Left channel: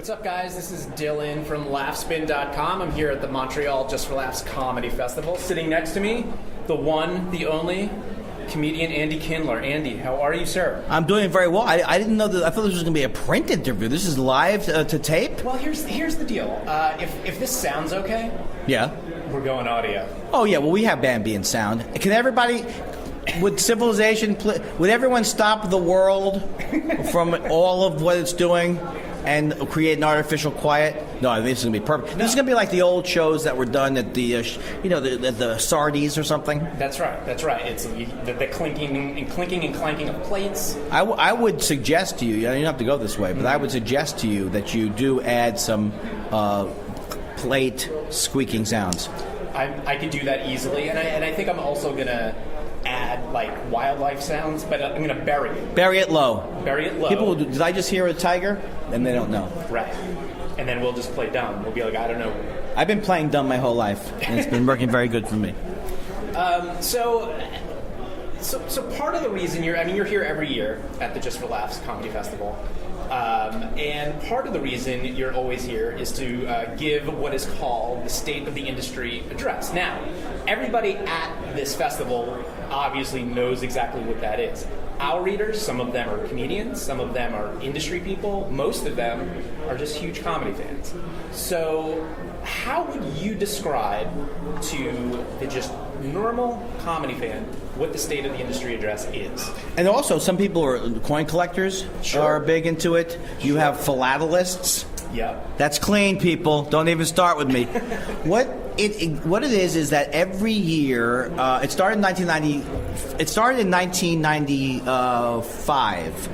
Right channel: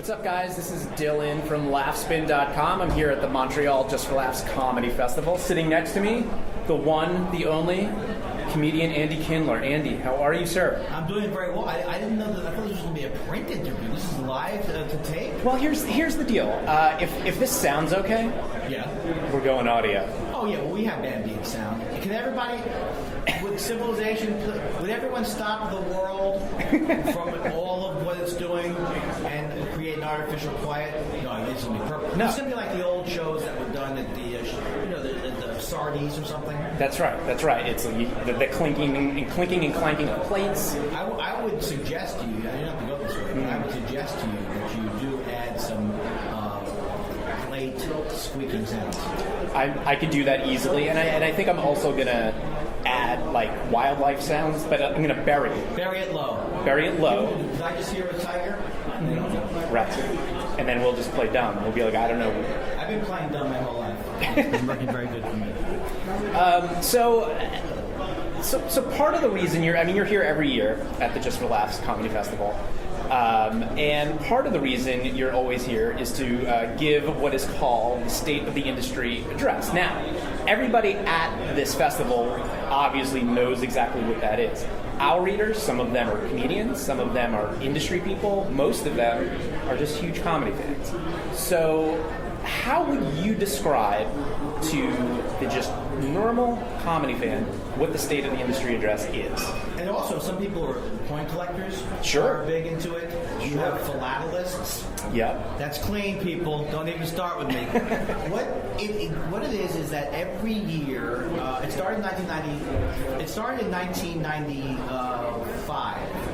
What's up, guys? This is Dylan from LaughSpin.com. I'm here at the Montreal Just for Laughs Comedy Festival. Sitting next to me, the one, the only, comedian Andy Kindler. Andy, how are you, sir? I'm doing very well. I didn't know that. I thought this was going to be a print interview. This is live to tape? Well, here's the deal. If this sounds okay, Yeah. we're going audio. Oh, yeah. Well, we have ambient sound. Can everybody... Would civilization, would everyone stop the world from all of what it's doing and create an artificial quiet? No, I think this is going to be perfect. No. This is going to be like the old shows that were done at the, the Sardi's or something. That's right. It's the clinking and clanking of plates. I would suggest to you, you don't have to go this way, but I would suggest to you that you do add some plate squeaking sounds. I could do that easily, and I think I'm also going to add like wildlife sounds, but I'm going to bury it. Bury it low. People, did I just hear a tiger? And they don't know. Right. And then we'll just play dumb. We'll be like, I don't know. I've been playing dumb my whole life, and it's been working very good for me. So part of the reason you're here every year at the Just for Laughs Comedy Festival. And part of the reason you're always here is to give what is called the State of the Industry address. Now, everybody at this festival obviously knows exactly what that is. Our readers, some of them are comedians, some of them are industry people, most of them are just huge comedy fans. So how would you describe to the just normal comedy fan what the State of the Industry address is? And also, some people are coin collectors, are big into it. You have philatelists. Yeah. That's clean, people. Don't even start with me. What it is that every year, it started in 1995.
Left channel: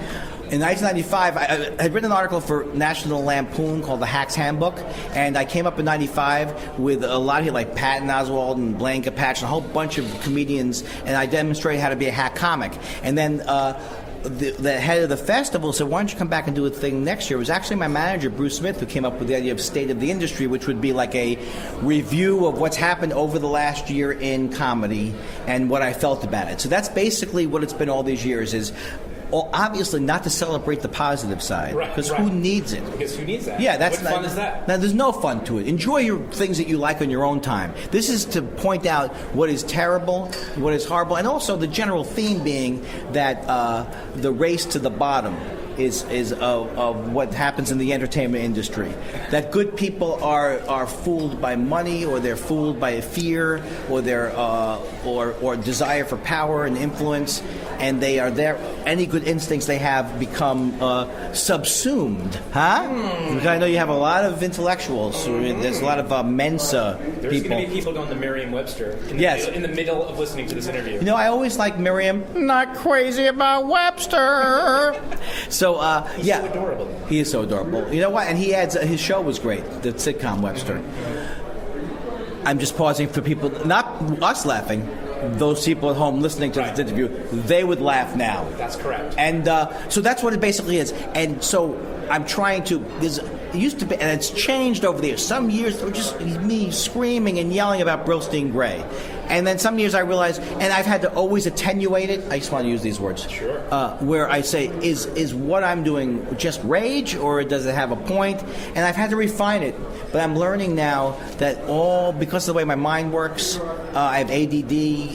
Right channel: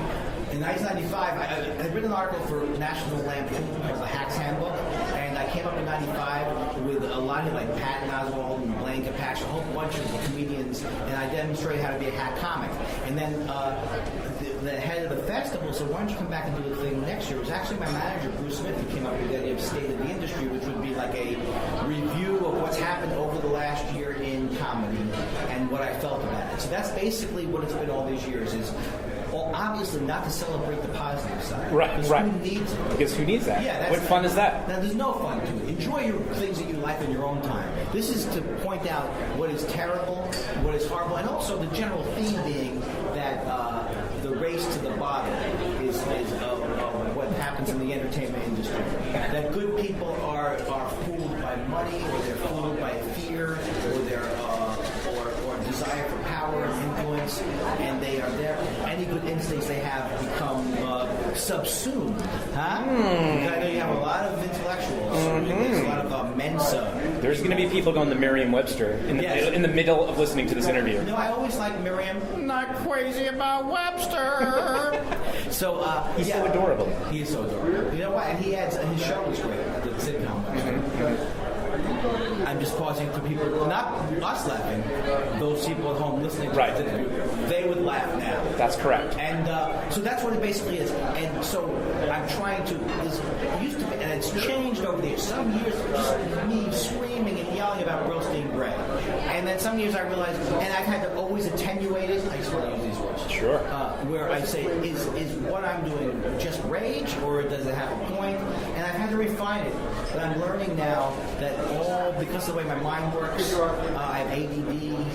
In 1995, I had written an article for National Lampoon called The Hack's Handbook, and I came up in 95 with a lot of people like Patton Oswalt and Blaine Capatch, a whole bunch of comedians, and I demonstrated how to be a hack comic. And then the head of the festival said, why don't you come back and do a thing next year? It was actually my manager, Bruce Smith, who came up with the idea of State of the Industry, which would be like a review of what's happened over the last year in comedy and what I felt about it. So that's basically what it's been all these years is, well, obviously not to celebrate the positive side. Right. Because who needs it? Because who needs that? Yeah, what fun is that? Now, there's no fun to it. Enjoy your things that you like on your own time. This is to point out what is terrible, what is horrible, and also the general theme being that the race to the bottom is of what happens in the entertainment industry. That good people are fooled by money, or they're fooled by fear, or their or desire for power and influence, and they are there. Any good instincts they have become subsumed. Because I know you have a lot of intellectuals. There's a lot of Mensa. There's going to be people going to Merriam-Webster in the middle of listening to this interview. You know, I always like Merriam. Not crazy about Webster. So he's so adorable. He is so adorable. You know what? And he adds his show was great. The sitcom Webster. I'm just pausing for people, not us laughing, those people at home listening to this interview, they would laugh now. That's correct. And so that's what it basically is. And so I'm trying to, it used to be, and it's changed over the years. Some years it was just me screaming and yelling about Brillstein Gray. And then some years I realized, and I've had to always attenuate it. I just want to use these words. Sure. Where I say, is what I'm doing just rage, or does it have a point? And I've had to refine it. But I'm learning now that because of the way my mind works, I have ADD,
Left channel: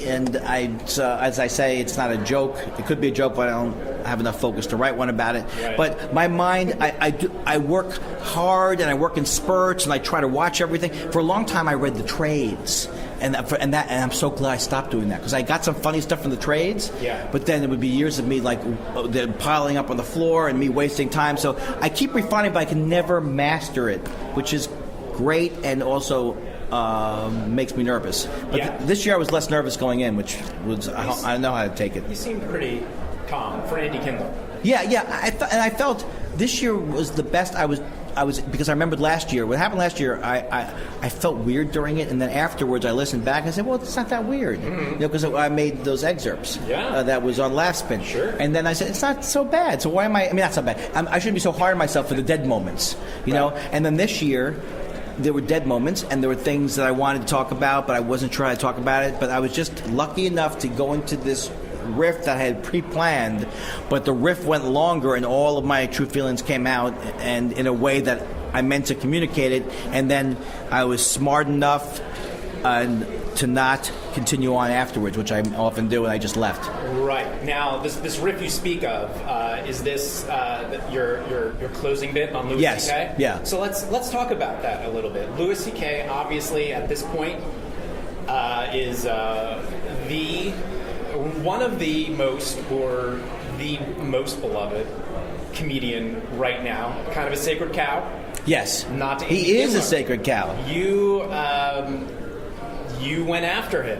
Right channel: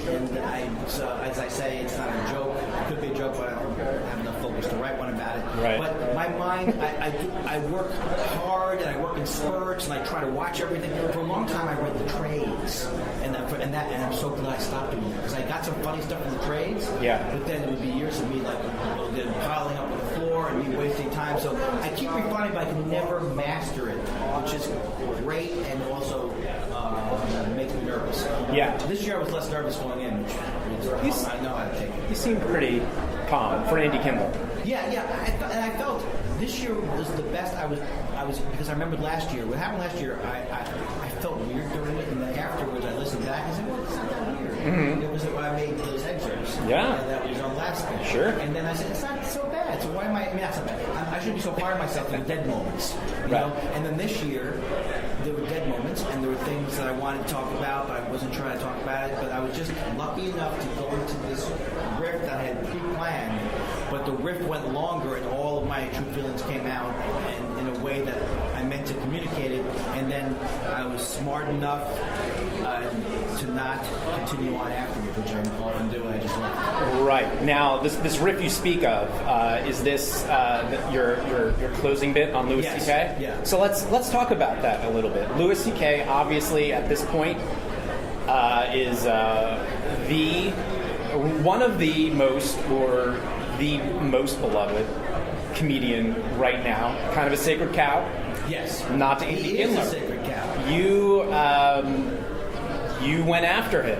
and as I say, it's not a joke. It could be a joke, but I don't have enough focus to write one about it. Right. But my mind, I work hard, and I work in spurts, and I try to watch everything. For a long time, I read the trades. And I'm so glad I stopped doing that, because I got some funny stuff from the trades. Yeah. But then it would be years of me like piling up on the floor and me wasting time. So I keep refining, but I can never master it, which is great and also makes me nervous. Yeah. This year I was less nervous going in, which was I know how to take it. You seem pretty calm for Andy Kindler. Yeah. I felt this year was the best I was because I remembered last year. What happened last year, I felt weird during it, and then afterwards I listened back and I said, well, it's not that weird. Because I made those excerpts. Yeah. That was on LaughSpin. Sure. And then I said, it's not so bad. So why am I mean, not so bad. I shouldn't be so hard on myself for the dead moments. You know? And then this year, there were dead moments, and there were things that I wanted to talk about, but I wasn't sure how to talk about it. But I was just lucky enough to go into this riff that I had pre-planned, but the riff went longer, and all of my true feelings came out, and in a way that I meant to communicate it. And then I was smart enough to not continue on afterwards, which I often do, and I just left. Right. Now, this riff you speak of, is this your closing bit on Louis Yes. C.K.? Yeah. So let's talk about that a little bit. Louis C.K. obviously at this point is one of the most, or the most beloved comedian right now. Kind of a sacred cow. Yes. Not to he is Kindler. a sacred cow. You went after him.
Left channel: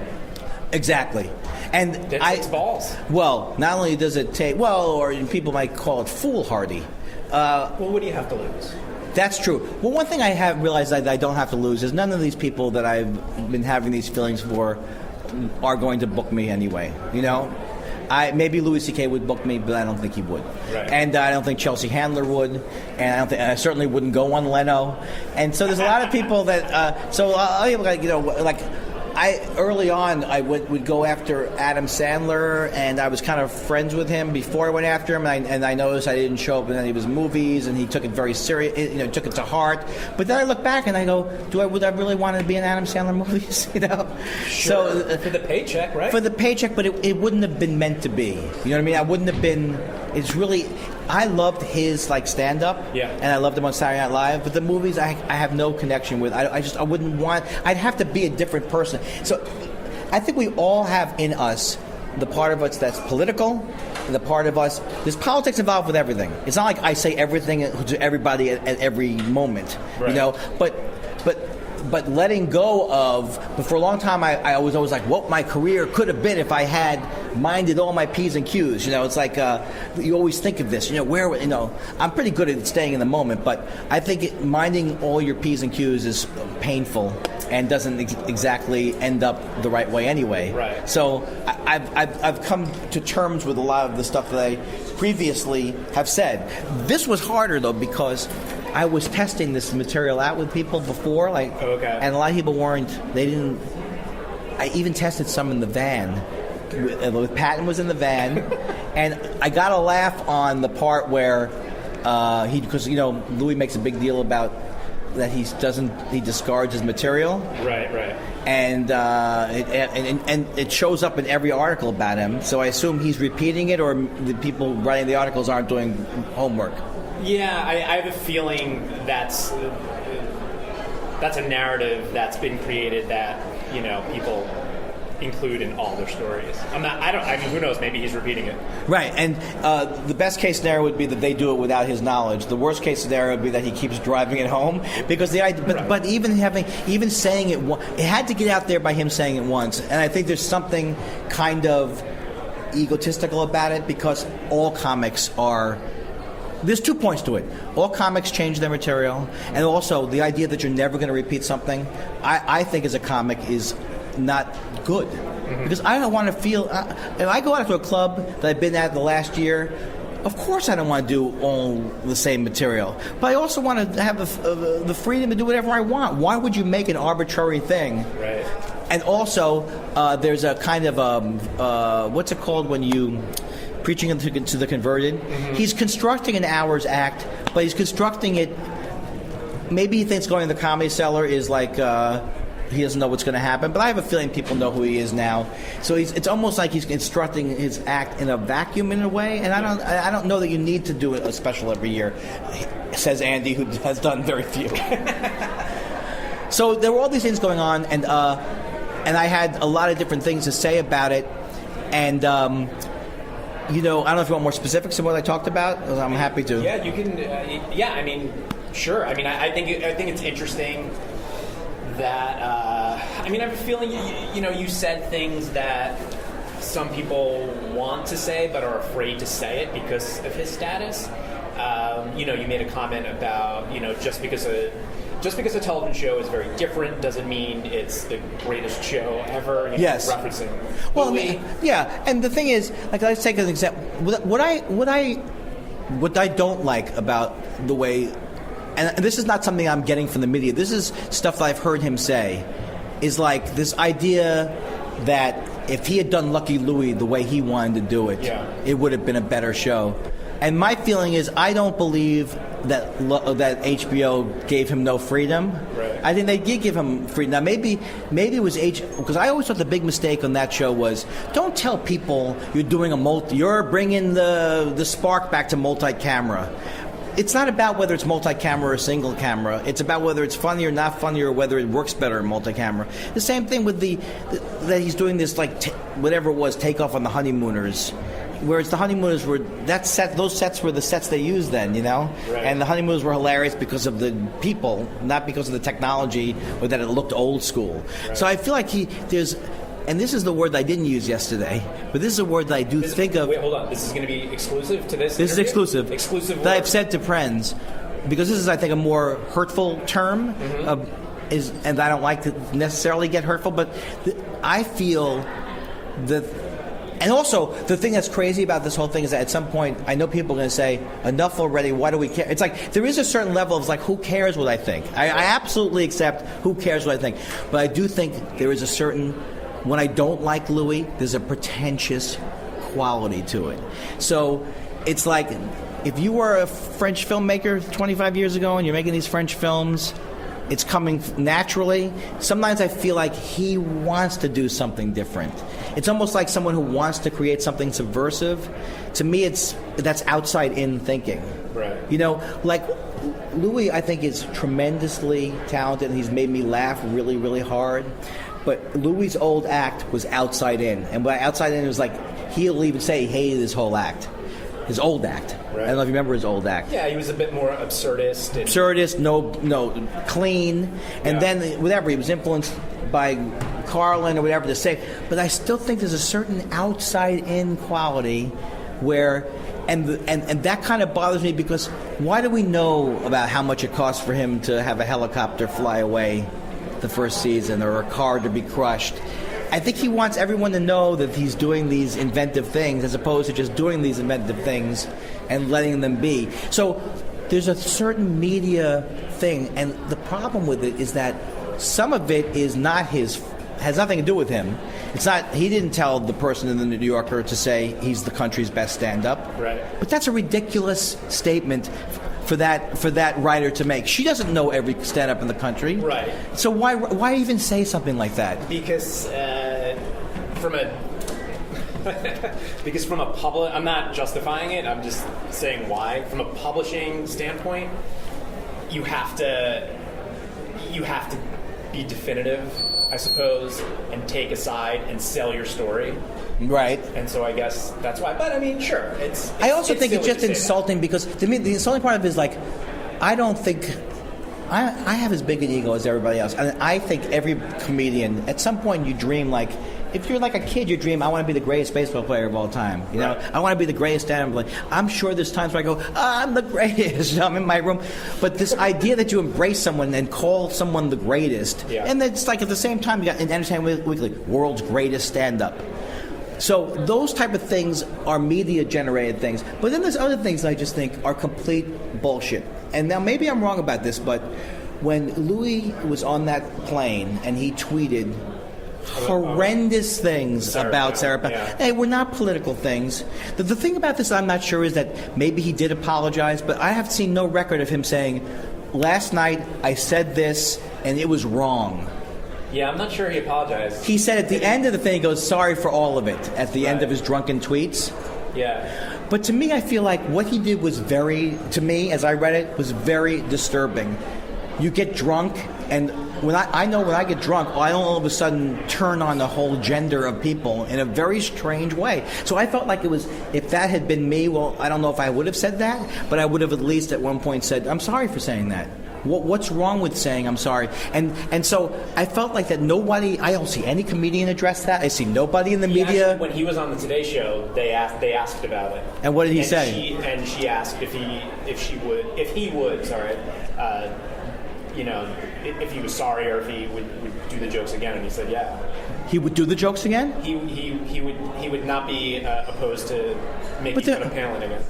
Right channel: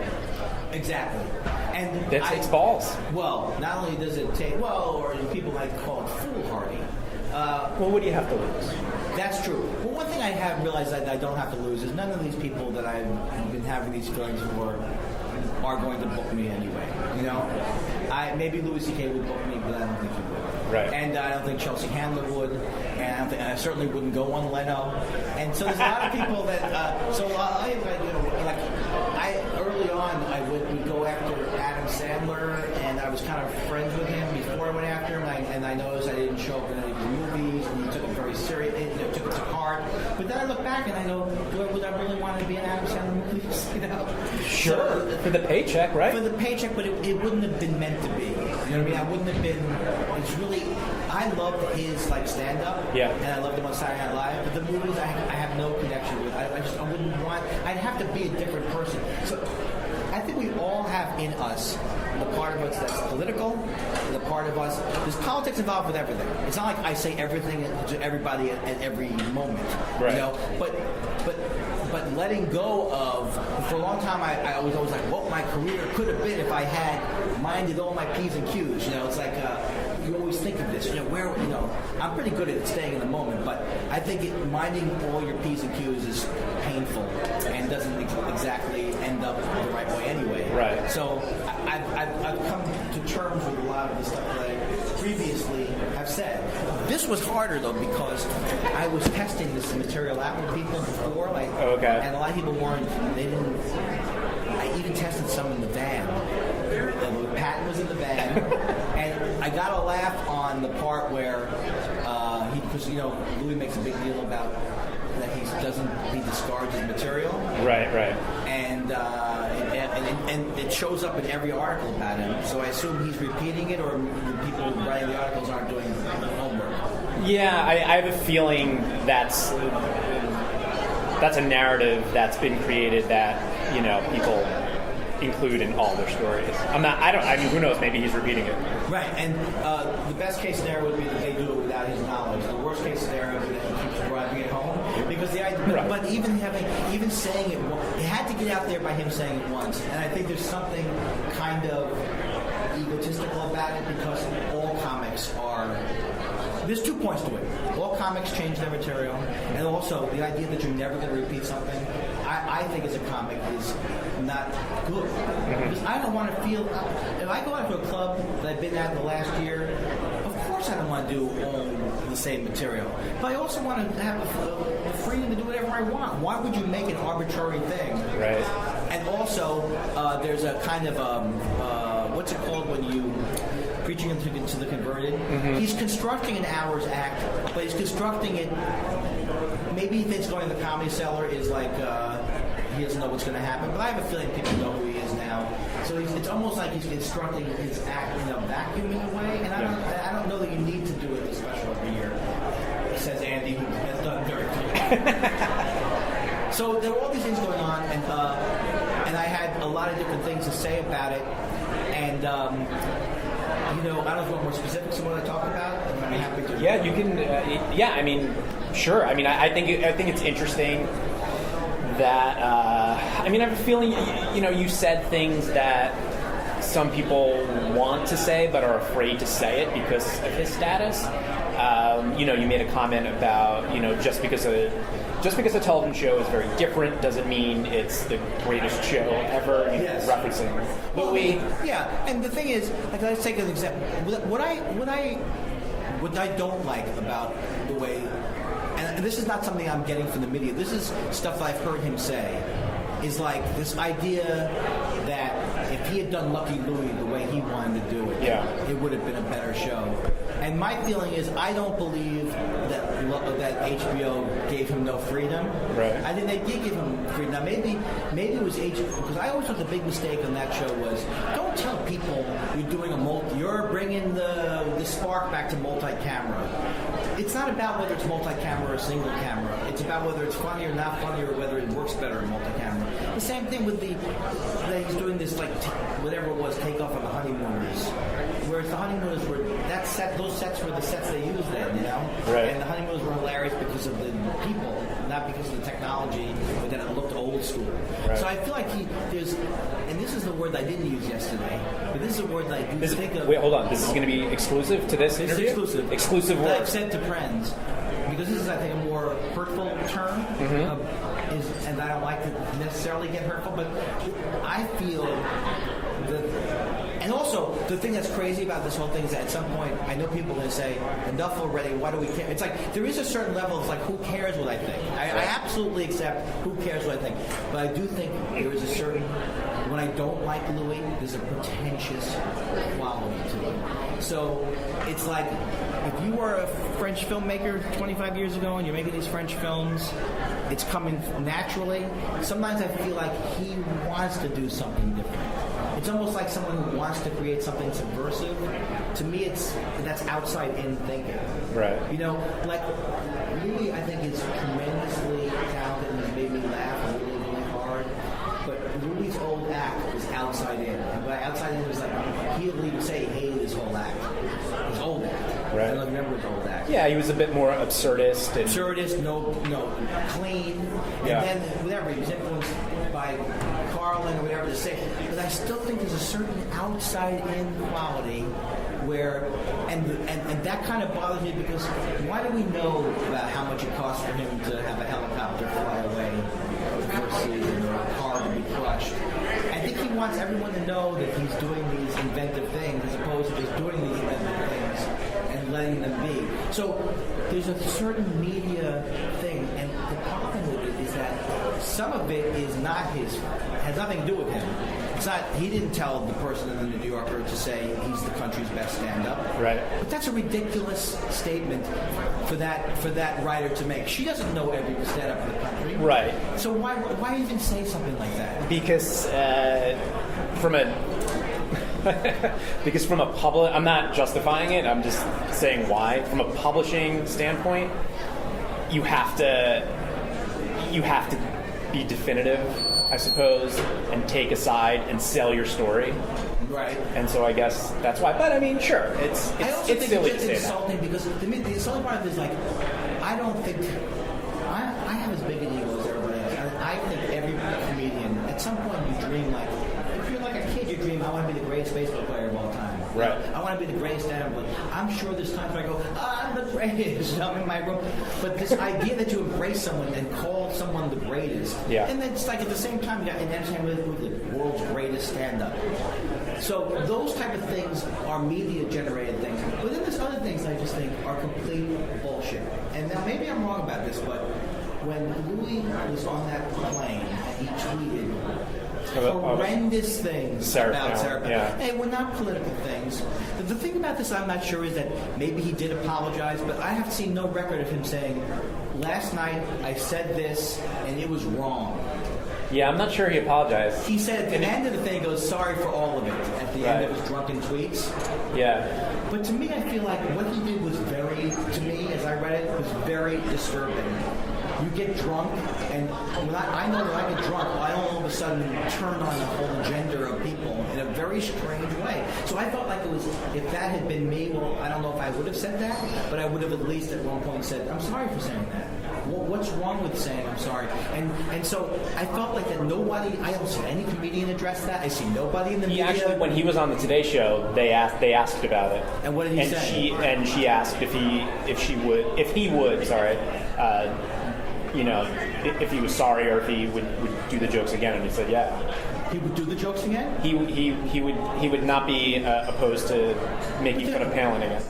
Exactly. And That takes balls. Well, not only does it take, or people might call it foolhardy. Well, what do you have to lose? That's true. Well, one thing I have realized that I don't have to lose is none of these people that I've been having these feelings for are going to book me anyway. You know, maybe Louis C.K. would book me, but I don't think he would. Right. And I don't think Chelsea Handler would, and I certainly wouldn't go on Leno. And so there's a lot of people that. Early on, I would go after Adam Sandler, and I was kind of friends with him before I went after him, and I noticed I didn't show up in any of his movies, and he took it very serious, took it to heart. But then I look back and I go, would I really want to be in Adam Sandler movies? Sure. So, for the paycheck, right? For the paycheck, but it wouldn't have been meant to be. You know what I mean? I wouldn't have been. It's really. I loved his stand-up, yeah, and I loved him on Saturday Night Live. But the movies, I have no connection with. I wouldn't want. I'd have to be a different person. So, I think we all have in us the part of us that's political, the part of us. There's politics involved with everything. It's not like I say everything to everybody at every moment, right. But letting go of, for a long time, I was always like, what my career could have been if I had minded all my P's and Q's. It's like you always think of this. I'm pretty good at staying in the moment, but I think minding all your P's and Q's is painful and doesn't exactly end up the right way anyway. Right. So I've come to terms with a lot of the stuff that I previously have said. This was harder though because I was testing this material out with people before, okay. And a lot of people they didn't. I even tested some in the van. Patton was in the van, and I got a laugh on the part where because Louis makes a big deal about that he discards his material. Right. And it shows up in every article about him. So I assume he's repeating it, or the people writing the articles aren't doing homework. Yeah, I have a feeling that's a narrative that's been created that people include in all their stories. Who knows? Maybe he's repeating it. Right, and the best case scenario would be that they do it without his knowledge. The worst case scenario would be that he keeps driving it home because but even saying it, it had to get out there by him saying it once. And I think there's something kind of egotistical about it because all comics are. There's 2 points to it. All comics change their material, and also the idea that you're never going to repeat something, I think as a comic is not good. Mm-hmm. Because I don't want to feel... if I go out to a club that I've been at the last year, of course I don't want to do all the same material. But I also want to have the freedom to do whatever I want. Why would you make an arbitrary thing? Right. And also, there's a kind of... what's it called when you... preaching to the converted. Mm-hmm. He's constructing an hour's act, but he's constructing it. Maybe he thinks going to the Comedy Cellar is like he doesn't know what's going to happen. But I have a feeling people know who he is now. So it's almost like he's constructing his act in a vacuum in a way. And I don't know that you need to do it a special every year, says Andy, who has done very few. So there were all these things going on, and I had a lot of different things to say about it, and. I don't know if you want more specifics of what I talked about. I'm happy to. Yeah, you can. Sure. I think it's interesting that. I have a feeling. You said things that some people want to say but are afraid to say it because of his status. You made a comment about just because a television show is very different doesn't mean it's the greatest show ever. Yes. Referencing. Well, yeah, and the thing is, let's take an example. What I don't like about the way, and this is not something I'm getting from the media. This is stuff that I've heard him say, is like this idea that if he had done Lucky Louie the way he wanted to do it, it would have been a better show. And my feeling is, I don't believe that HBO gave him no freedom. Right. I think they did give him freedom. Now, maybe it was because I always thought the big mistake on that show was, don't tell people you're doing you're bringing the spark back to multi-camera. It's not about whether it's multi-camera or single camera. It's about whether it's funny or not funny, or whether it works better in multi-camera. The same thing with that he's doing this, like, whatever it was, Takeoff on the Honeymooners. Whereas the Honeymooners were those sets were the sets they used then, you know? Right. And the Honeymooners were hilarious because of the people, not because of the technology or that it looked old school. Right. So I feel like and this is the word that I didn't use yesterday, but this is a word that I do think of. Wait, hold on. This is going to be exclusive to this This interview? is exclusive. Exclusive word. That I've said to friends, because this is, I think, a more hurtful term, and I don't like to necessarily get hurtful, but I feel that. And also, the thing that's crazy about this whole thing is that at some point, I know people are going to say, enough already, why do we care? It's like, there is a certain level of, like, who cares what I think? I absolutely accept who cares what I think. But I do think there is a certain, when I don't like Louis, there's a pretentious quality to it. So it's like, if you were a French filmmaker 25 years ago and you're making these French films, it's coming naturally. Sometimes I feel like he wants to do something different. It's almost like someone who wants to create something subversive. To me, that's outside-in thinking. Right. You know, like, Louis, I think, is tremendously talented, and he's made me laugh really, really hard. But Louis' old act was outside-in. And by outside-in, it was like, he'll even say he hated his whole act. His old act. Right. I don't know if you remember his old act. Yeah, he was a bit more absurdist. No, clean. And then, whatever, he was influenced by Carlin or whatever to say, but I still think there's a certain outside-in quality where, and that kind of bothers me, because why do we know about how much it costs for him to have a helicopter fly away the first season, or a car to be crushed? I think he wants everyone to know that he's doing these inventive things, as opposed to just doing these inventive things and letting them be. So there's a certain media thing, and the problem with it is that some of it is not has nothing to do with him. It's not. He didn't tell the person in the New Yorker to say he's the country's best stand-up. Right. But that's a ridiculous statement for that writer to make. She doesn't know every stand-up in the country. Right. So why even say something like that? Because from a public, I'm not justifying it. I'm just saying why. From a publishing standpoint, you have to be definitive, I suppose, and take a side and sell your story. Right. And so I guess that's why. But I mean, sure. I also think it's silly just to say insulting, because to me the insulting part of it is, like, I don't think I have as big an ego as everybody else, and I think every comedian at some point you dream, like, if you're like a kid, you dream, I want to be the greatest baseball player of all time. You know? I want to be the greatest stand-up. I'm sure there's times where I go, I'm the greatest. I'm in my room. But this idea that you embrace someone and call someone the greatest, and it's like at the same time you got in Entertainment Weekly, world's greatest stand-up. So those type of things are media-generated things. But then there's other things that I just think are complete bullshit. And now maybe I'm wrong about this, but when Louis was on that plane and he tweeted horrendous things about Sarah Palin. Yeah. Hey, we're not political things. The thing about this I'm not sure is that maybe he did apologize, but I have seen no record of him saying, last night I said this and it was wrong. Yeah, I'm not sure he apologized. He said at the end of the thing, he goes, sorry for all of it, at the end of his drunken tweets. Yeah. But to me, I feel like what he did was to me, as I read it, was very disturbing. You get drunk, and when I know when I get drunk, I don't all of a sudden turn on the whole gender of people in a very strange way. So I felt like it was, if that had been me, well, I don't know if I would have said that, but I would have at least at one point said, I'm sorry for saying that. What's wrong with saying I'm sorry? And so I felt like that I don't see any comedian address that. I see nobody in the media. Actually, when he was on the Today Show, they asked about it. And what did he say? She asked if he would, if he was sorry or if he would do the jokes again, and he said, yeah. He would do the jokes again? He would not be opposed to making fun of Palin again.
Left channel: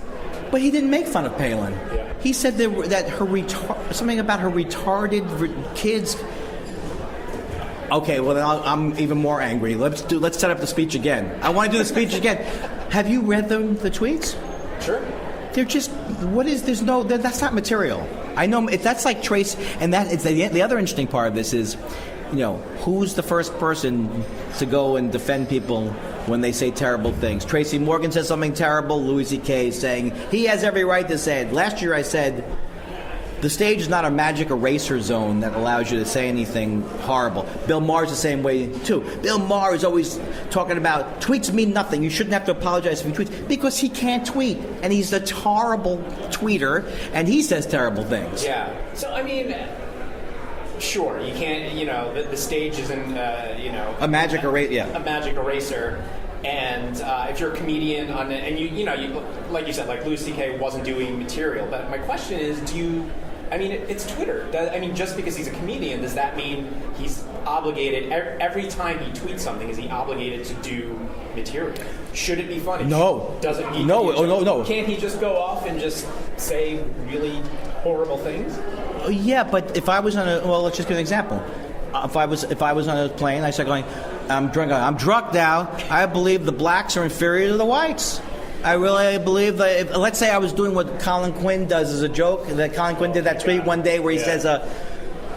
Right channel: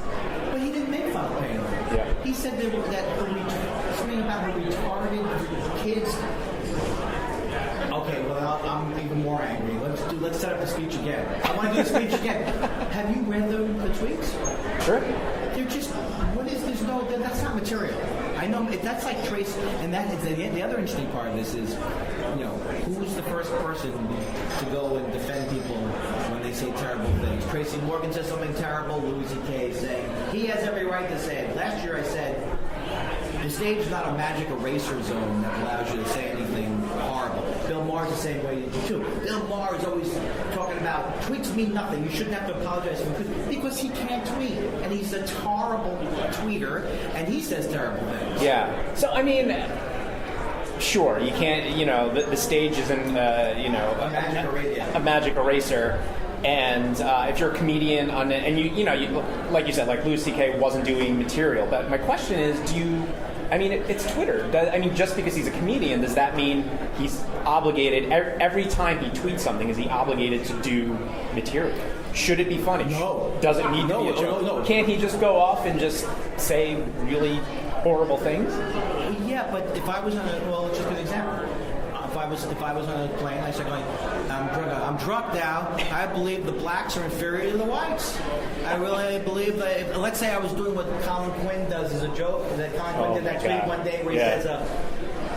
But he didn't make fun of Palin. Yeah. He said that something about her retarded kids. Okay, well then I'm even more angry. Let's set up the speech again. I want to do the speech again. Have you read the tweets? Sure. They're just that's not material. I know that's like Trace, and that is the other interesting part of this is, who's the first person to go and defend people when they say terrible things? Tracy Morgan says something terrible. Louis C.K. is saying he has every right to say it. Last year I said, the stage is not a magic eraser zone that allows you to say anything horrible. Bill Maher's the same way too. Bill Maher is always talking about tweets mean nothing. You shouldn't have to apologize for tweets because he can't tweet, and he's a horrible tweeter, and he says terrible things. Yeah. So I mean, sure, you can't. The stage isn't. A magic eraser. Yeah. A magic eraser. And if you're a comedian and you like you said, like Louis C.K. wasn't doing material. But my question is, it's Twitter. Just because he's a comedian, does that mean he's obligated every time he tweets something? Is he obligated to do material? Should it be funny? No. Does it need no, to be a joke? no. Can't he just go off and just say really horrible things? Yeah, but if I was let's just give an example. If I was on a plane, I started going, I'm drunk now. I believe the blacks are inferior to the whites. I really believe that. Let's say I was doing what Colin Quinn does as a joke. That Colin Quinn did that tweet one day where he says,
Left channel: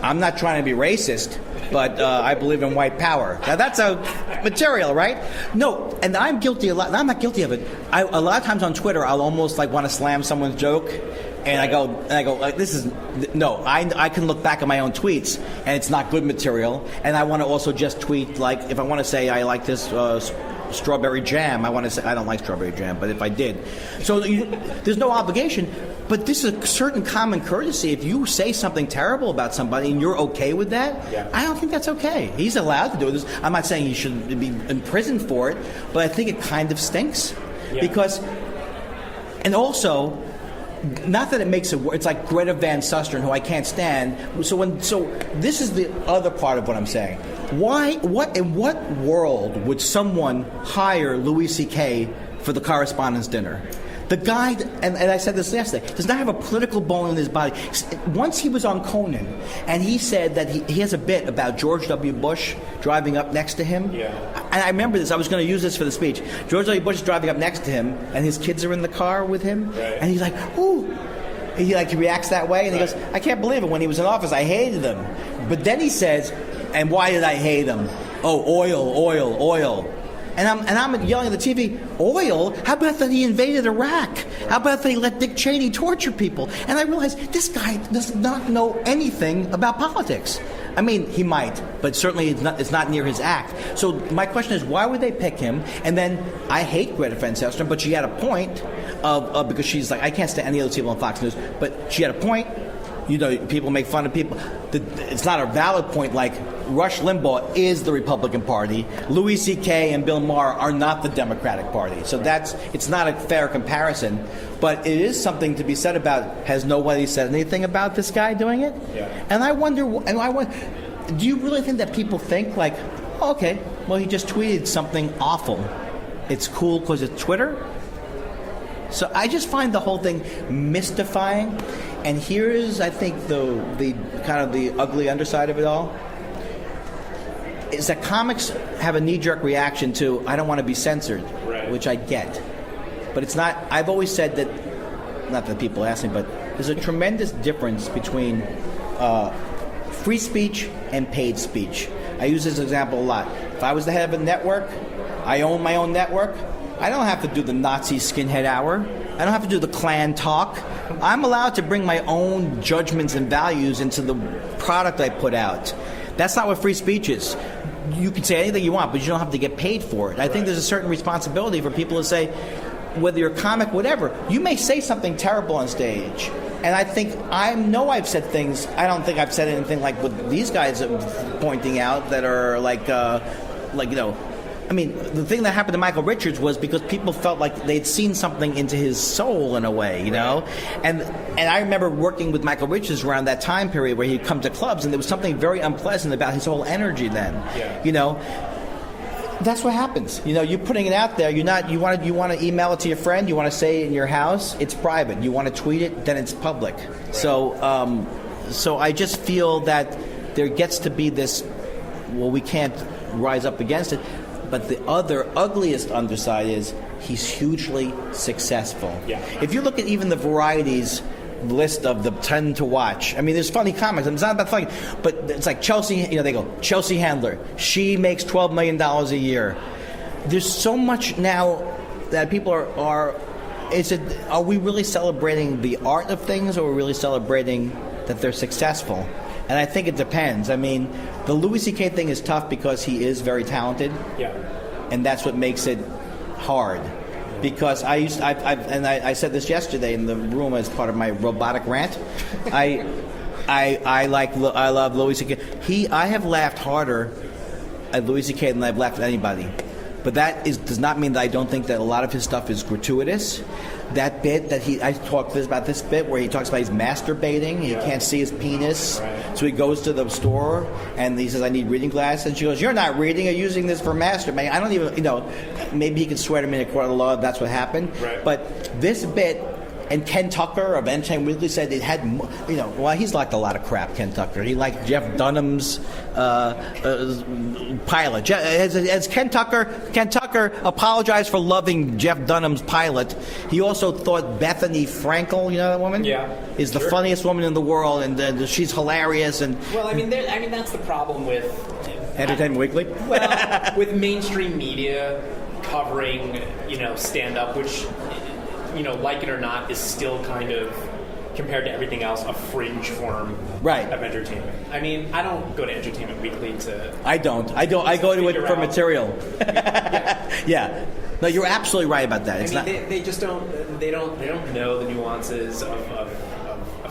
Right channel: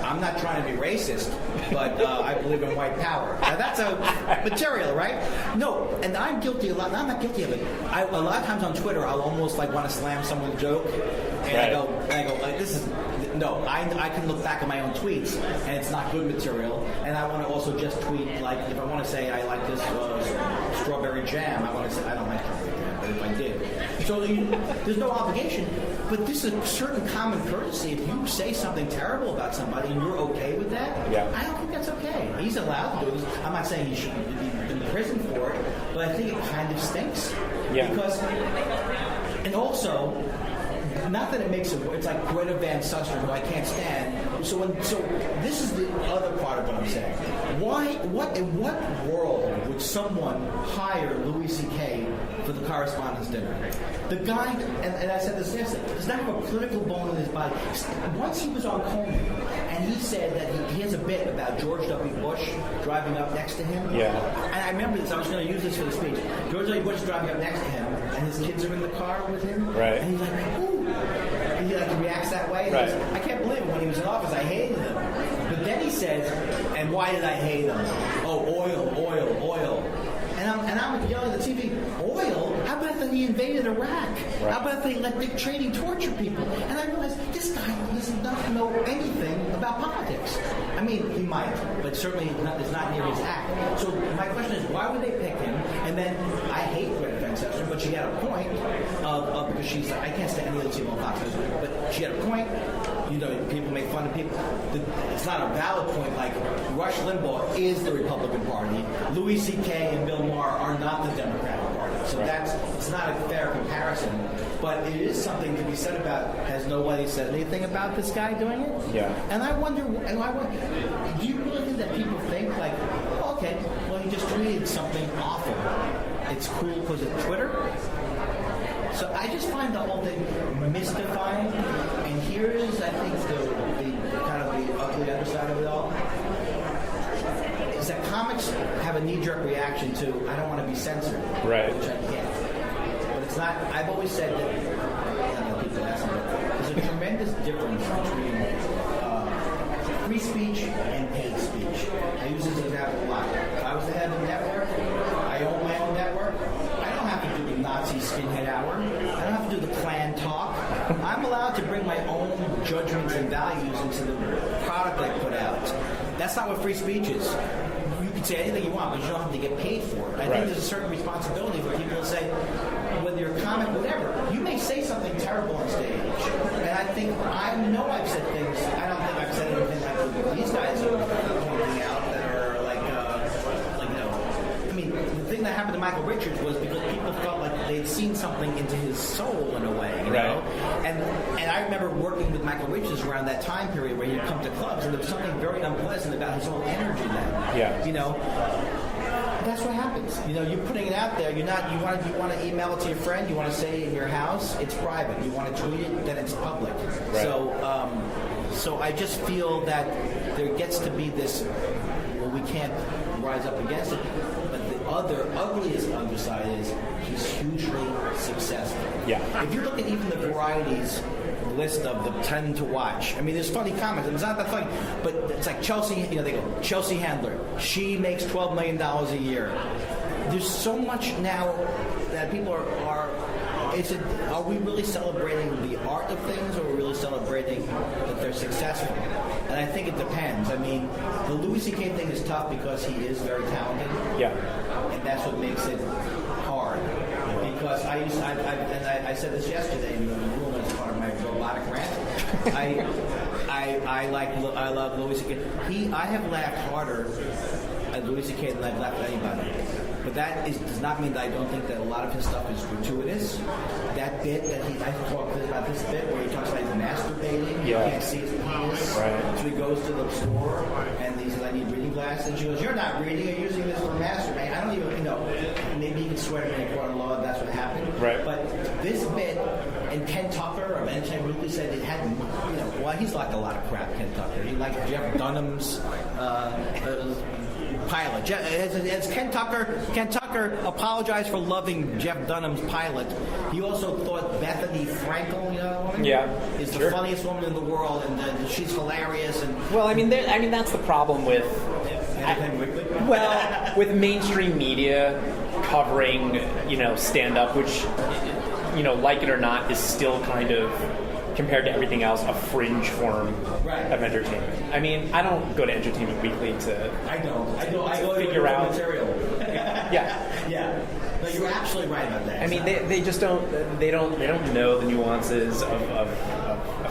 "I'm not trying to be racist, but I believe in white power." Now that's a material, right? No, and I'm guilty a lot. I'm not guilty of it. A lot of times on Twitter, I'll almost like want to slam someone's joke. And right. I go, like, this is no. I can look back at my own tweets, and it's not good material. And I want to also just tweet, like, if I want to say I like this strawberry jam, I want to say I don't like strawberry jam, but if I did, so there's no obligation. But this is a certain common courtesy. If you say something terrible about somebody and you're okay with that, I don't think that's okay. He's allowed to do this. I'm not saying he should be imprisoned for it, but I think it kind of stinks because, and also. Not that it makes it worse. It's like Greta Van Susteren, who I can't stand. So this is the other part of what I'm saying. In what world would someone hire Louis C.K. for the Correspondents' Dinner? The guy, and I said this yesterday, does not have a political bone in his body. Once he was on Conan, and he said that he has a bit about George W. Bush driving up next to him. Yeah. And I remember this. I was going to use this for the speech. George W. Bush is driving up next to him, and his kids are in the car with him. Right. And he's like, ooh. And he reacts that way, and he goes, I can't believe it. When he was in office, I hated him. But then he says, and why did I hate him? Oh, oil. And I'm yelling at the TV, oil? How about that he invaded Iraq? Right. How about that he let Dick Cheney torture people? And I realized this guy does not know anything about politics. I mean, he might, but certainly it's not near his act. So my question is, why would they pick him? And then I hate Greta Van Susteren, but she had a point of because she's like, I can't stand any of those people on Fox News, but she had a point. People make fun of people. It's not a valid point like Rush Limbaugh is the Republican Party. Louis C.K. and Bill Maher are not the Democratic Party. So it's not a fair comparison. But it is something to be said about, has nobody said anything about this guy doing it? Yeah. And I wonder, do you really think that people think like, oh, okay, well, he just tweeted something awful. It's cool because it's Twitter? So I just find the whole thing mystifying. And here is, I think, the kind of the ugly underside of it all, is that comics have a knee-jerk reaction to, I don't want to be censored, right. Which I get. But it's not, I've always said that, not that people ask me, but there's a tremendous difference between free speech and paid speech. I use this example a lot. If I was the head of a network, I own my own network, I don't have to do the Nazi skinhead hour. I don't have to do the Klan talk. I'm allowed to bring my own judgments and values into the product I put out. That's not what free speech is. You can say anything you want, but you don't have to get paid for it. I think there's a certain responsibility for people to say, whether you're a comic, whatever, you may say something terrible on stage. And I know I've said things, I don't think I've said anything like what these guys are pointing out that are I mean, the thing that happened to Michael Richards was because people felt like they'd seen something into his soul in a way, you know? And I remember working with Michael Richards around that time period where he'd come to clubs and there was something very unpleasant about his whole energy then. Yeah. You know? That's what happens. You know, you're putting it out there. You want to email it to your friend. You want to say it in your house. It's private. You want to tweet it, then it's public. Right. So I just feel that there gets to be this well, we can't rise up against it. But the other ugliest underside is he's hugely successful. Yeah. If you look at even the Variety's list of the 10 to watch, I mean, there's funny comments. It's not that funny, but it's like Chelsea. They go Chelsea Handler. She makes $12 million a year. There's so much now that people are. Are we really celebrating the art of things, or are we really celebrating that they're successful? And I think it depends. I mean, the Louis C.K. thing is tough because he is very talented. Yeah. And that's what makes it hard. Because I said this yesterday in the room as part of my robotic rant. I love Louis C.K. I have laughed harder at Louis C.K. than I've laughed at anybody. But that does not mean that I don't think that a lot of his stuff is gratuitous. That bit that I talked about this bit where he talks about he's masturbating. He can't see his penis. Right. So he goes to the store and he says, I need reading glasses. And she goes, you're not reading, you're using this for masturbating. I don't even, maybe he could swear to me in a court of law if that's what happened. Right. But this bit, and Ken Tucker of Entertainment Weekly said it had, well, he's liked a lot of crap, Ken Tucker. He liked Jeff Dunham's pilot. As Ken Tucker apologized for loving Jeff Dunham's pilot, he also thought Bethany Frankel, you know that woman? Yeah. Is the funniest woman in the world, and she's hilarious. And well, I mean, that's the problem with Entertainment Weekly. Well, with mainstream media covering, stand-up, which, like it or not, is still kind of, compared to everything else, a fringe form of entertainment. I mean, I don't go to Entertainment Weekly to... I don't. I go to it for material. Yeah. Yeah. No, you're absolutely right about that. They just don't. They don't know the nuances of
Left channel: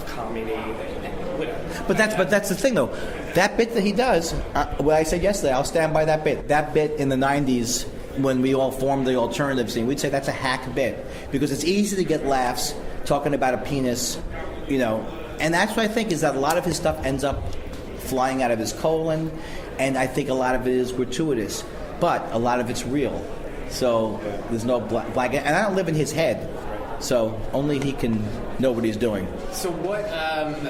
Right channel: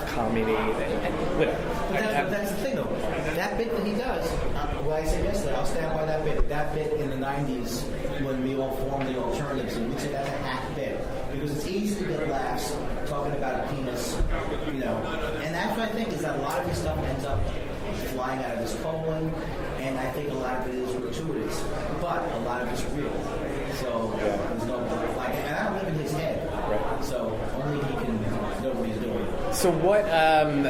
comedy. Whatever. But that's the thing, though. That bit that he does, what I said yesterday, I'll stand by that bit. That bit in the 90s, when we all formed the alternative scene, we'd say that's a hack bit. Because it's easy to get laughs talking about a penis, And that's what I think is that a lot of his stuff ends up flying out of his colon, and I think a lot of it is gratuitous. But a lot of it's real. So there's no black, and I don't live in his head. Right. So only he can know what he's doing. So what? I'm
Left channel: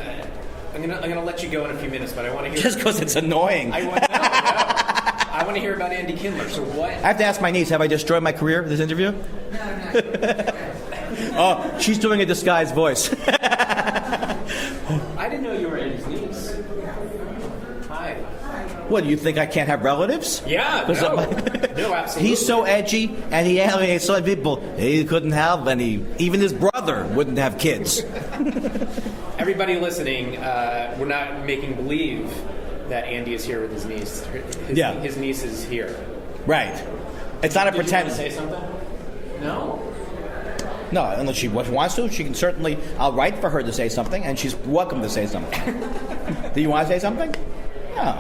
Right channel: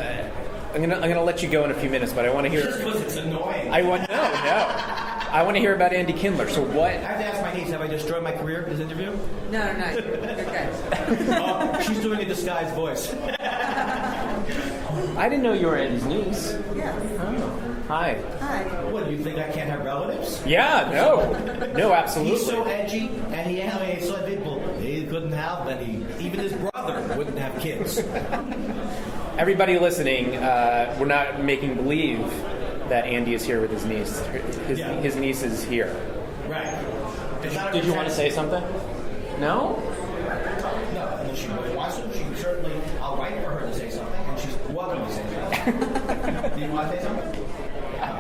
gonna let you go in a few minutes, but I want to hear. Just because it's annoying. I want to know. I want to hear about Andy Kindler. So what? I have to ask my niece, have I destroyed my career, this interview? No. Okay. Oh, she's doing a disguised voice. I didn't know you were Andy's niece. Yeah. Oh. Hi. What, do you think I can't have relatives? Yeah, no, absolutely. He's so edgy, and he alienates so many people. He couldn't have any. Even his brother wouldn't have kids. Everybody listening, we're not making believe that Andy is here with his niece. His niece is here. Right. It's not a Did pretend. you want to say something? No? No, unless she wants to, she can certainly. I'll write for her to say something, and she's welcome to say something. Do you want to say something? No.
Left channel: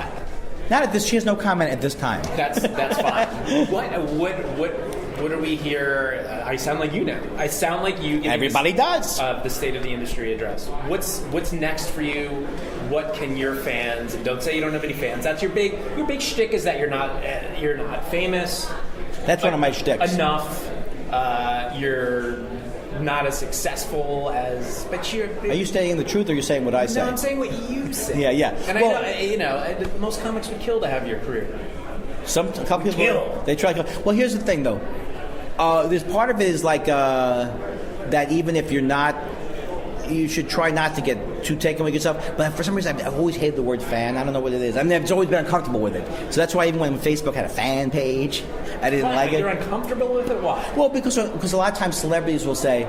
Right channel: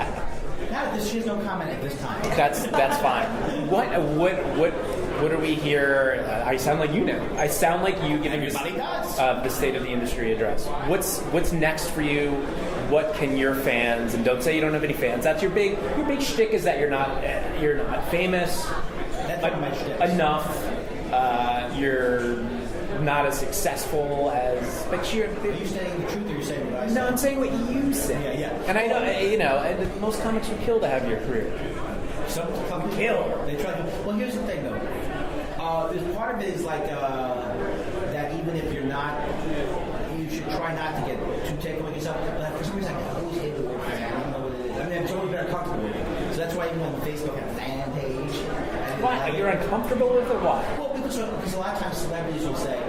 Not at this. She has no comment at this time. That's fine. What are we here? I sound like you know. I sound like you. Everybody does. The State of the Industry address. What's next for you? What can your fans, and don't say you don't have any fans. That's your big shtick is that you're not famous. That's one of my shticks. Enough. You're not as successful as, but you're. Are you saying the truth, or are you saying what I say? No, I'm saying what you say. Yeah. And most comics would kill to have your career. A couple people Kill. They try to. Well, here's the thing, though. There's part of it is like that. Even if you're not, you should try not to get too taken with yourself. But for some reason, I've always hated the word fan. I don't know what it is. I mean, I've always been uncomfortable with it. So that's why even when Facebook had a fan page, I didn't like it. You're uncomfortable with it? Why? Well, because a lot of times celebrities will say,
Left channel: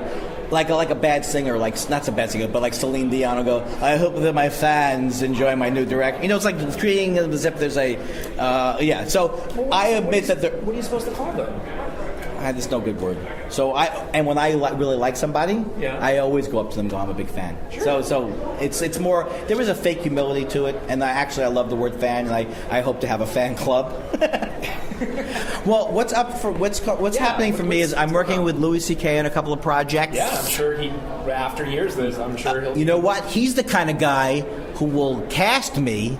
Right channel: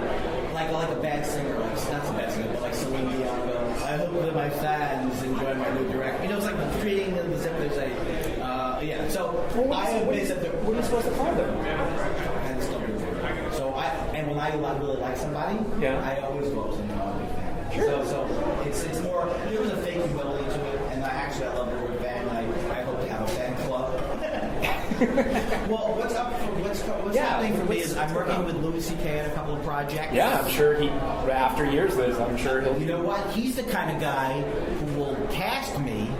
like a bad singer, like not a bad singer, but like Celine Dion will go, I hope that my fans enjoy my new direct. It's like creating as if there's a, So I admit that what are you supposed to call them? That's no good word. So when I really like somebody, I always go up to them and go, I'm a big fan. Sure. So it's more, there is a fake humility to it, and I love the word fan, and I hope to have a fan club. Well, what's happening for me is I'm working with Louis C.K. on a couple of projects. Yeah, I'm sure after years of this, I'm sure he'll... You know what? He's the kind of guy who will cast me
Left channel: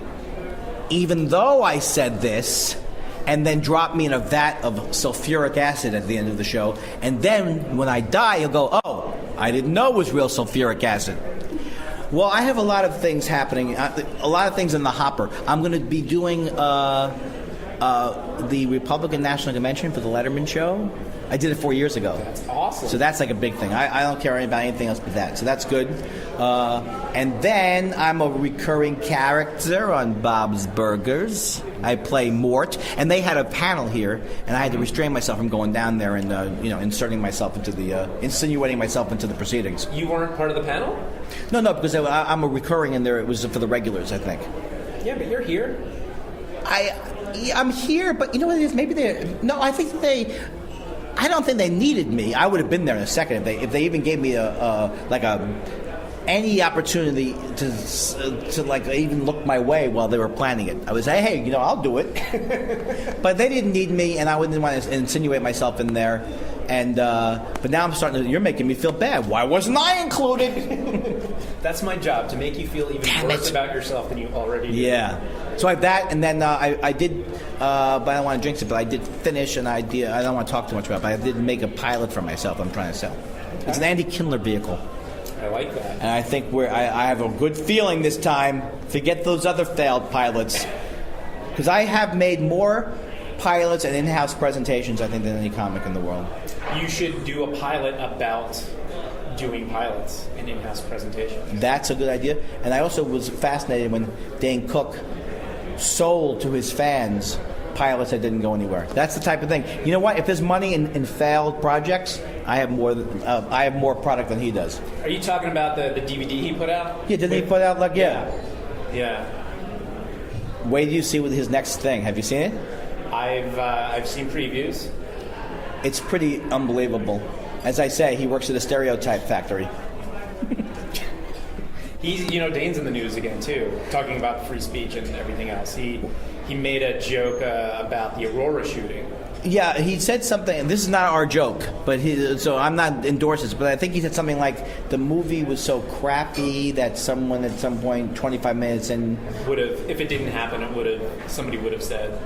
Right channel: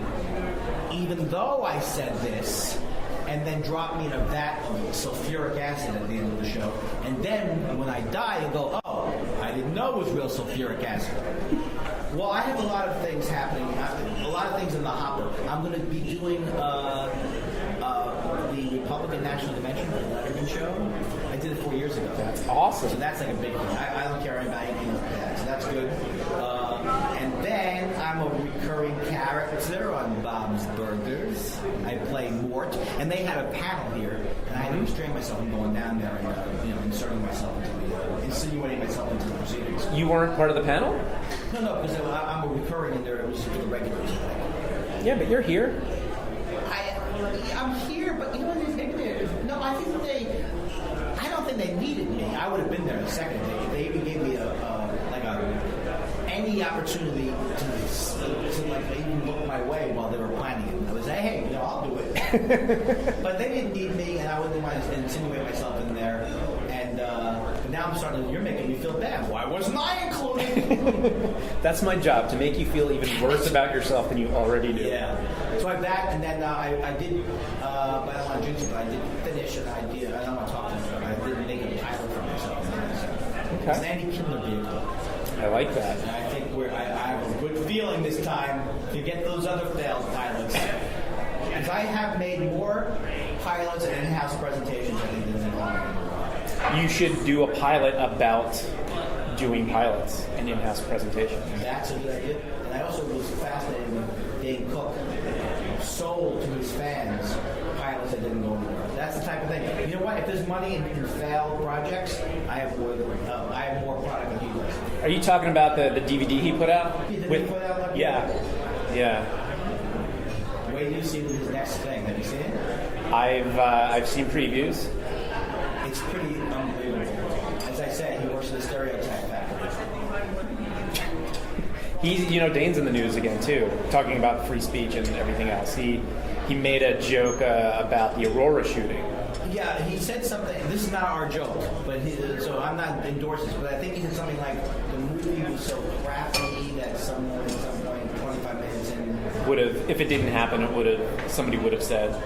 even though I said this, and then drop me in a vat of sulfuric acid at the end of the show. And then when I die, he'll go, oh, I didn't know it was real sulfuric acid. Well, I have a lot of things happening, a lot of things in the hopper. I'm going to be doing the Republican National Convention for the Letterman Show. I did it 4 years ago. That's awesome. So that's like a big thing. I don't care about anything else but that. So that's good. And then I'm a recurring character on Bob's Burgers. I play Mort, and they had a panel here, and I had to restrain myself from going down there and inserting myself into insinuating myself into the proceedings. You weren't part of the panel? No, because I'm a recurring in there. It was for the regulars, I think. Yeah, but you're here. I'm here, but you know what it is? Maybe I don't think they needed me. I would have been there in a second if they even gave me any opportunity to like even look my way while they were planning it. I would say, hey, I'll do it. But they didn't need me, and I wouldn't want to insinuate myself in there. And but now I'm starting to. You're making me feel bad. Why wasn't I included? That's my job, to make you feel even worse about yourself than you already do. Yeah. So I have that, and then I did, but I don't want to jinx it. But I did finish an idea. I don't want to talk too much about it, but I did make a pilot for myself. I'm trying to sell. Okay. It's an Andy Kindler vehicle. I like that. And I think I have a good feeling this time. Forget those other failed pilots, because I have made more pilots and in-house presentations, I think, than any comic in the world. You should do a pilot about doing pilots and in-house presentations. That's a good idea. And I also was fascinated when Dane Cook sold to his fans pilots that didn't go anywhere. That's the type of thing. You know what? If there's money in failed projects, I have more product than he does. Are you talking about the DVD he put out? Yeah, did he put out like Yeah. Wait till you see with his next thing. Have you seen it? I've seen previews. It's pretty unbelievable. As I say, he works at a stereotype factory. Dane's in the news again too, talking about free speech and everything else. He made a joke about the Aurora shooting. Yeah, he said something, and this is not our joke, but so I'm not endorsing this, but I think he said something like the movie was so crappy that someone at some point, 25 minutes in, would have, if it didn't happen, somebody would have said,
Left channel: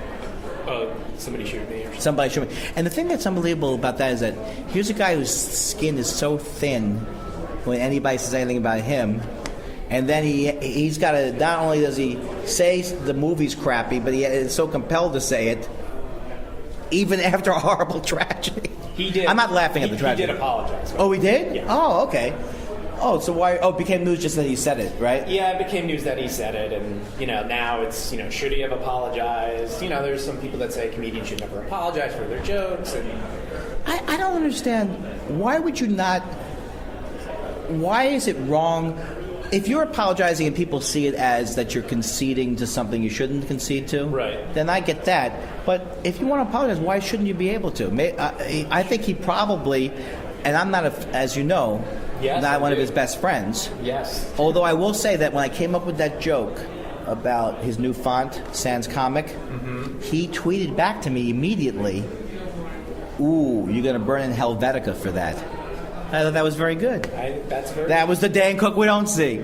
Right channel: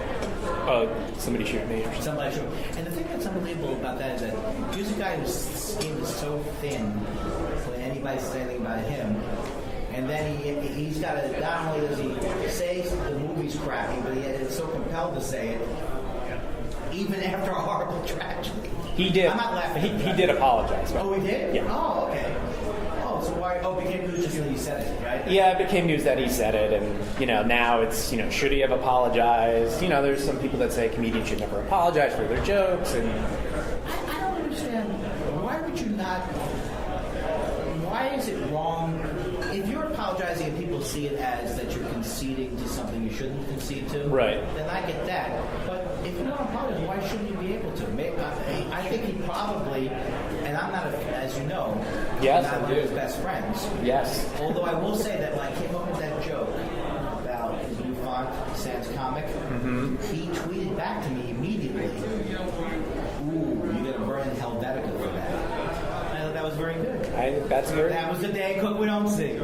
somebody shoot me. Or somebody shoot me. And the thing that's unbelievable about that is that here's a guy whose skin is so thin when anybody says anything about him. And then he's got to, not only does he say the movie's crappy, but he is so compelled to say it, even after a horrible tragedy. He did. I'm not laughing at the tragedy. He did apologize. Oh, he did? Yeah. Oh, okay. Oh, so why? Oh, it became news just that he said it, right? Yeah, it became news that he said it, and now it's should he have apologized? There's some people that say comedians should never apologize for their jokes, and I don't understand. Why would you not? Why is it wrong? If you're apologizing and people see it as that you're conceding to something you shouldn't concede to, right? Then I get that. But if you want to apologize, why shouldn't you be able to? I think he probably, and I'm not, as you know, yes, not one of his best friends. Yes. Although I will say that when I came up with that joke about his new font, Sans Comic, he tweeted back to me immediately, "Ooh, you're going to burn in Helvetica for that." I thought that was very good. That was the Dane Cook we don't see.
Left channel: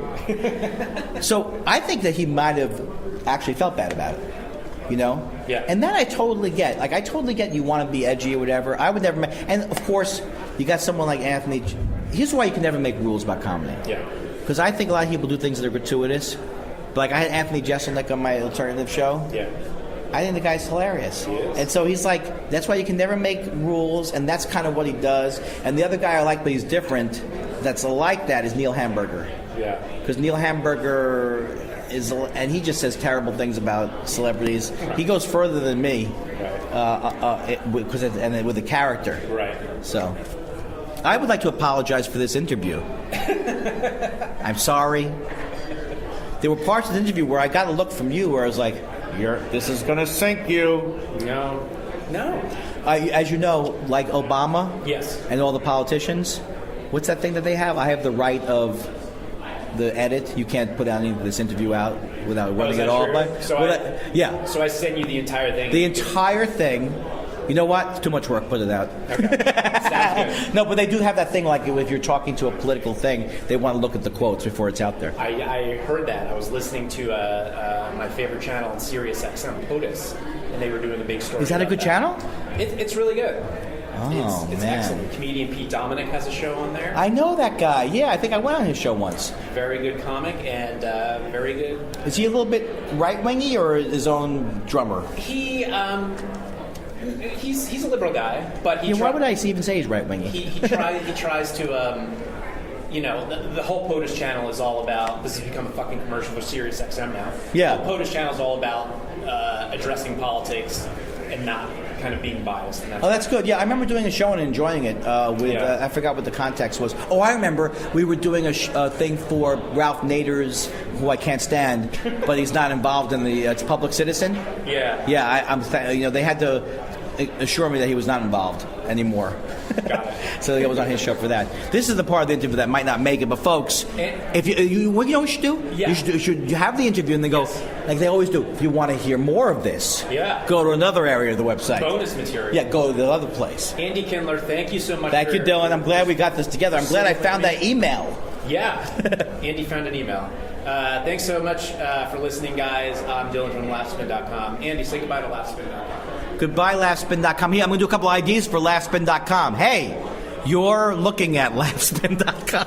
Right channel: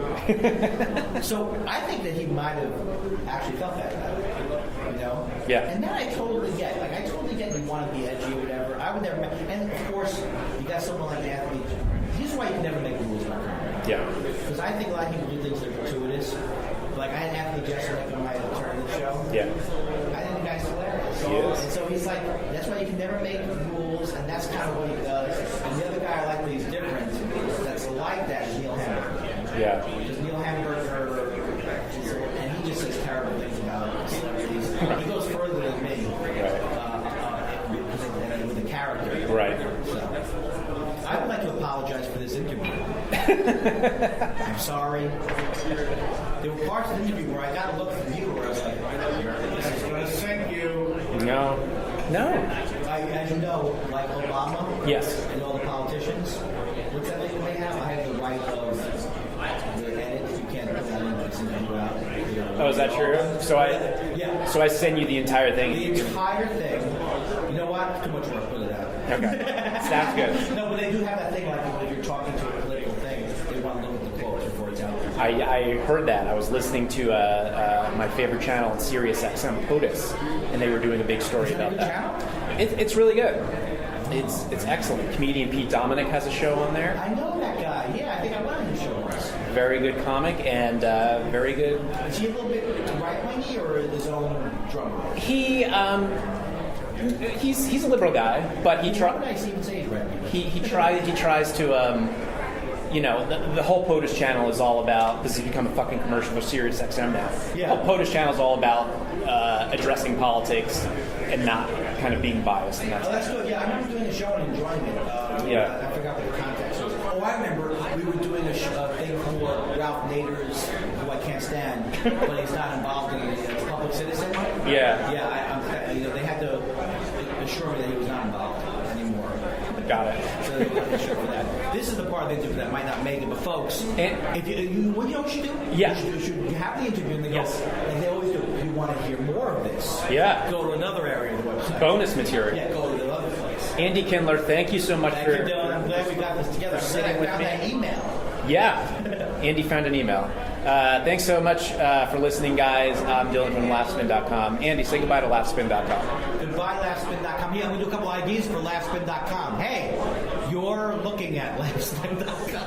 So I think that he might have actually felt bad about it. Yeah. And that I totally get. Like, I totally get you want to be edgy or whatever. I would never and of course, you got someone like Anthony. Here's why you can never make rules about comedy. Yeah. Because I think a lot of people do things that are gratuitous. But like, I had Anthony Jeselnik on my alternative show. Yeah. I think the guy's hilarious. He is. And so he's like, that's why you can never make rules, and that's kind of what he does. And the other guy I like, but he's different, that's like that, is Neil Hamburger. Yeah. Because Neil Hamburger is, and he just says terrible things about celebrities. He goes further than me. Right. And with the character. Right. So, I would like to apologize for this interview. I'm sorry. There were parts of the interview where I got a look from you where I was like, this is going to sink you. No. As you know, like Obama, yes, and all the politicians, what's that thing that they have? I have the right of the edit. You can't put this interview out without running it all. True? So I send you the entire thing. The entire thing. You know what? Too much work. Put it out. Okay. Sounds good. No, but they do have that thing like if you're talking to a political thing, they want to look at the quotes before it's out there. I heard that. I was listening to my favorite channel on Sirius XM, POTUS, and they were doing a big story. Is that a good channel? It's really good. It's man. excellent. Comedian Pete Dominic has a show on there. I know that guy. Yeah, I think I went on his show once. Very good comic and very good. Is he a little bit right-wingy or his own drummer? He's a liberal guy, but Why would I even say he's right-wingy? he tries to the whole POTUS channel is all about, this has become a fucking commercial for Sirius XM now. Yeah. The whole POTUS channel is all about addressing politics and not kind of being biased. And That's good. Yeah, I remember doing a show and enjoying it. I forgot what the context was. Oh, I remember we were doing a thing for Ralph Nader's, who I can't stand, but he's not involved in the it's Public Citizen. Yeah. Yeah, they had to assure me that he was not involved anymore. Got it. So I was on his show for that. This is the part of the interview that might not make it, but folks, if you what you know what you should do? Yeah. You should have the interview and then go, like they always do, if you want to hear more of this, go to another area of the website. Bonus material. Yeah, go to the other place. Andy Kindler, thank you so much. Thank you, Dylan. I'm glad we got this together. I'm glad I found that email. Yeah, Andy found an email. Thanks so much for listening, guys. I'm Dylan from LaughSpin.com. Andy, say goodbye to LaughSpin.com. Goodbye, LaughSpin.com. Here, I'm going to do a couple ideas for LaughSpin.com. Hey, you're looking at LaughSpin.com.